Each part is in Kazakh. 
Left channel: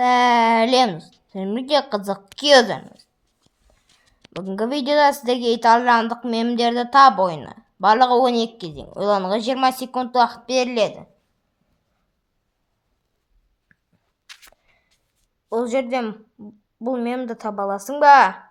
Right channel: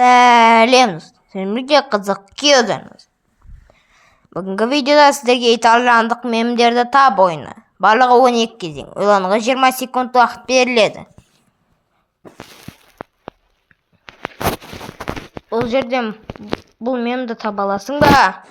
Сәлем, сіздерге қызық келдіңіз. Бүгінгі видеода сіздерге итальяндық мемдерді тап ойыны. Барлығы 12 кезең. Ойлануға 20 секунд уақыт беріледі. Бұл жерден бұл мемді таба аласың ба?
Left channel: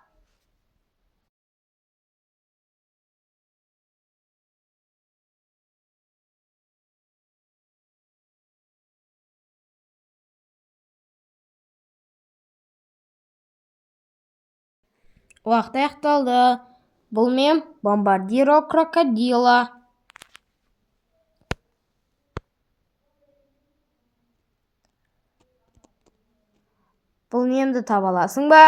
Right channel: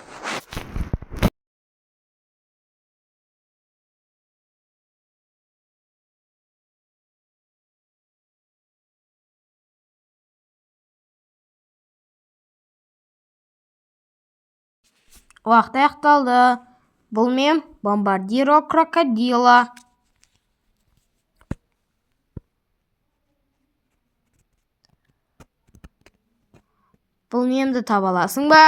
Уақыт аяқталды. Бұл мем бомбардиро крокодила. Бұл мемді таба аласың ба?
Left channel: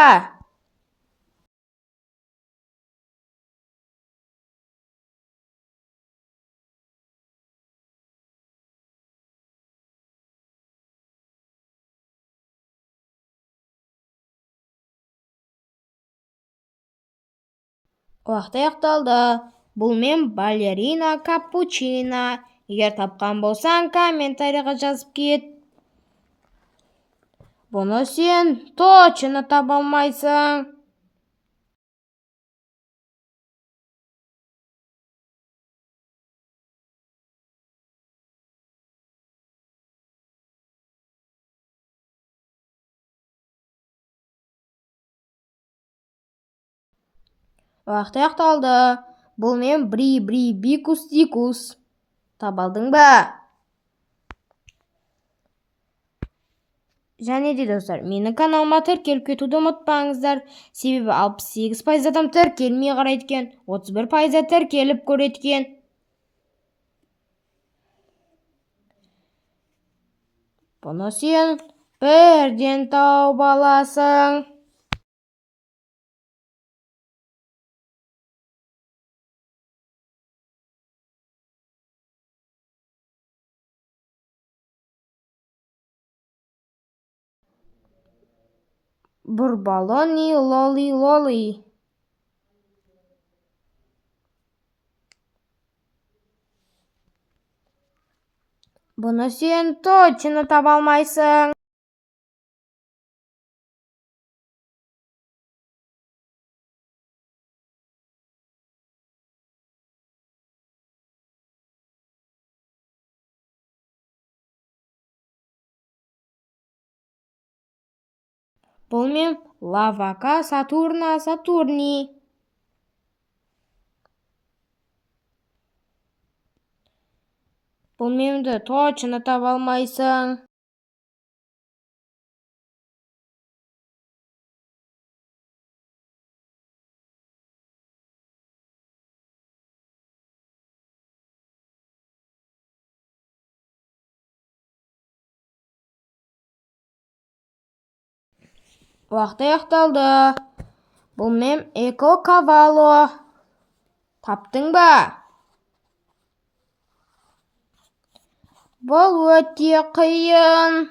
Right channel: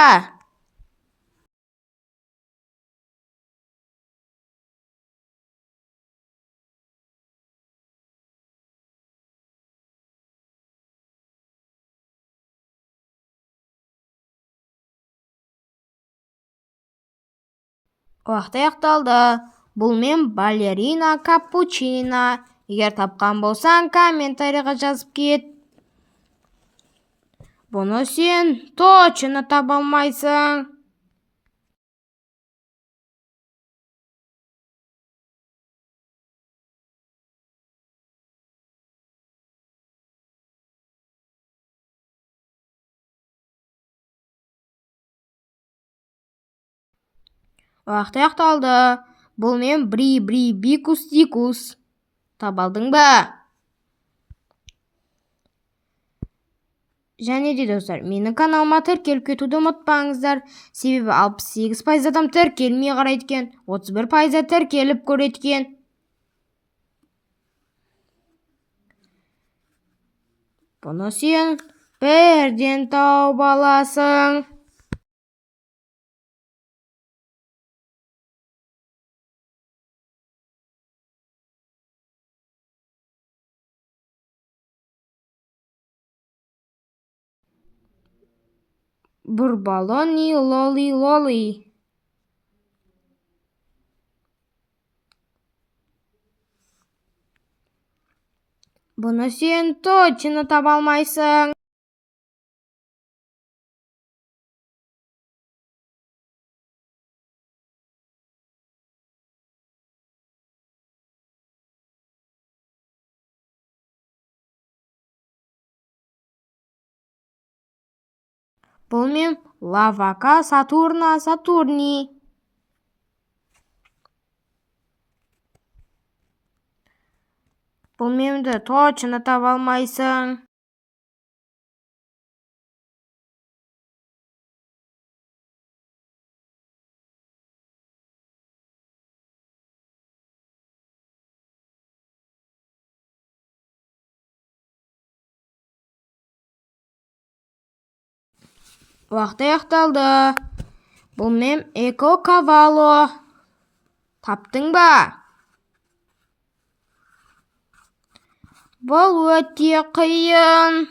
Уақыт аяқталды. Бұл мем балерина капучина. Егер тапқан болсаң, комментарийға жазып кет. Бұны сен точно таба алмайсың. Уақыт аяқталды. Бұл мем бикус дикус. Таба алдың ба? Және де достар, менің каналыма тіркеліп кетуді ұмытпаңыздар. Себебі 68% адам тіркелмей қарайды екен, 31% тіркеліп көреді екен. Бұны сен бірден тауып аласың. Бурбалони лоли. Бұны сен точно таба алмайсың. Бұл мем лавака сатурни. Бұл мемді точно таба алмайсың. Уақыт аяқталды. Бұл мем эко кавало. Таптың ба? Бұл өте қиын.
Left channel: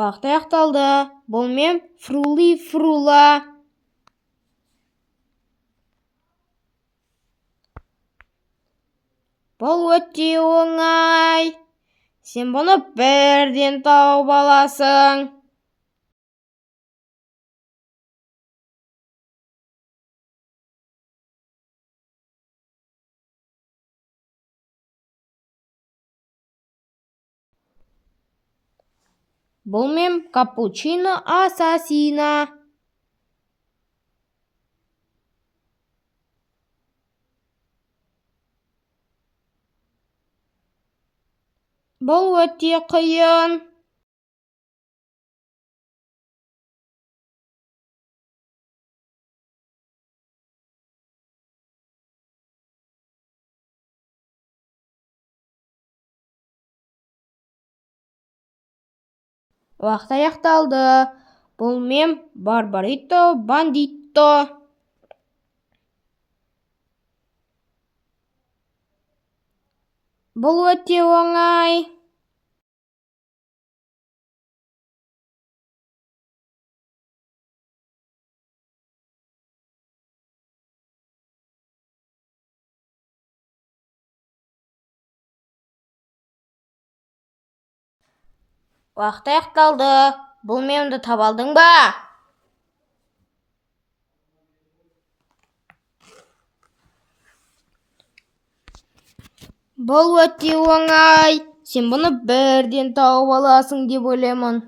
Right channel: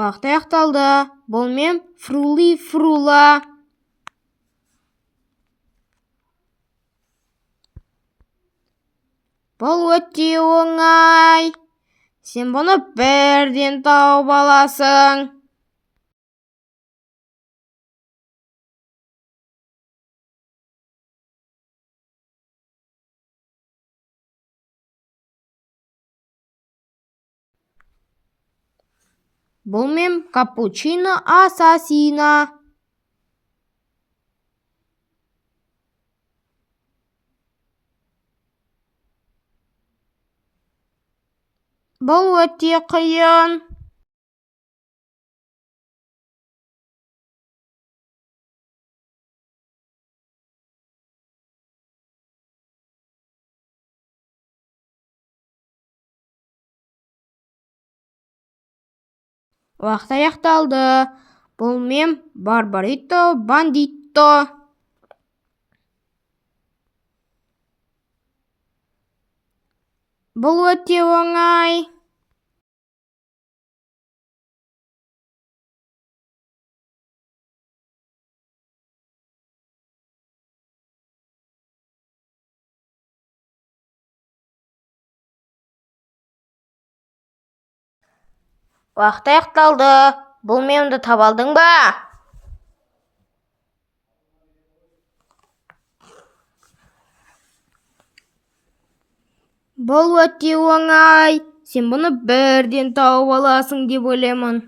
Уақыт аяқталды. Бұл мем фрула. Бұл өте оңай. Сен бұны бірден тауып аласың. Бұл мем капучино ассасина. Бұл өте қиын. Уақыт аяқталды. Бұл мем барбарито бандито. Бұл өте оңай. Уақыт аяқталды. Бұл мемді таба алдың ба? Бұл өте оңай. Сен бұны бірден тауып аласың деп ойлаймын.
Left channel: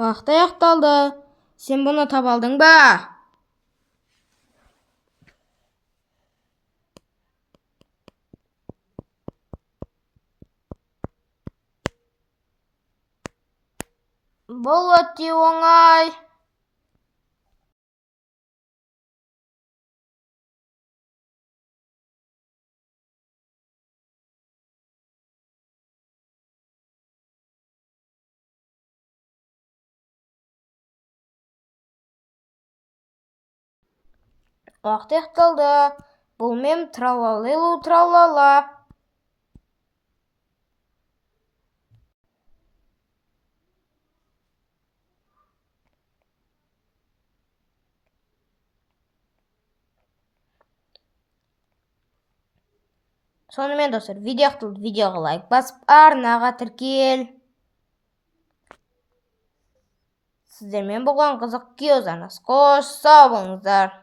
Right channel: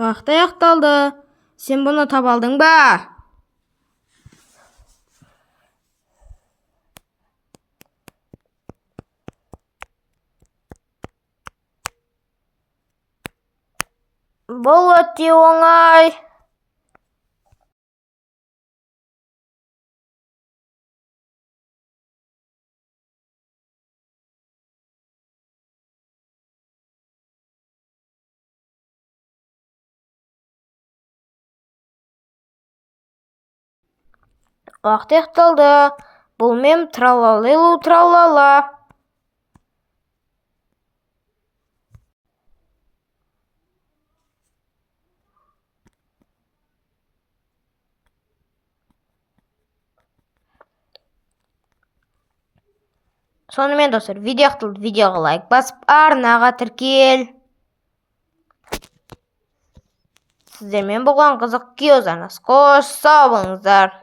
Уақыт аяқталды. Сен бұны таба алдың ба? Бұл өте оңай. Уақыт аяқталды. Бұл мем тралалелу тралала. Сонымен достар, видео аяқталды. Видеоға лайк басып, арнаға тіркел. Сіздермен болған қызық Киозанас. Қош сау болыңыздар.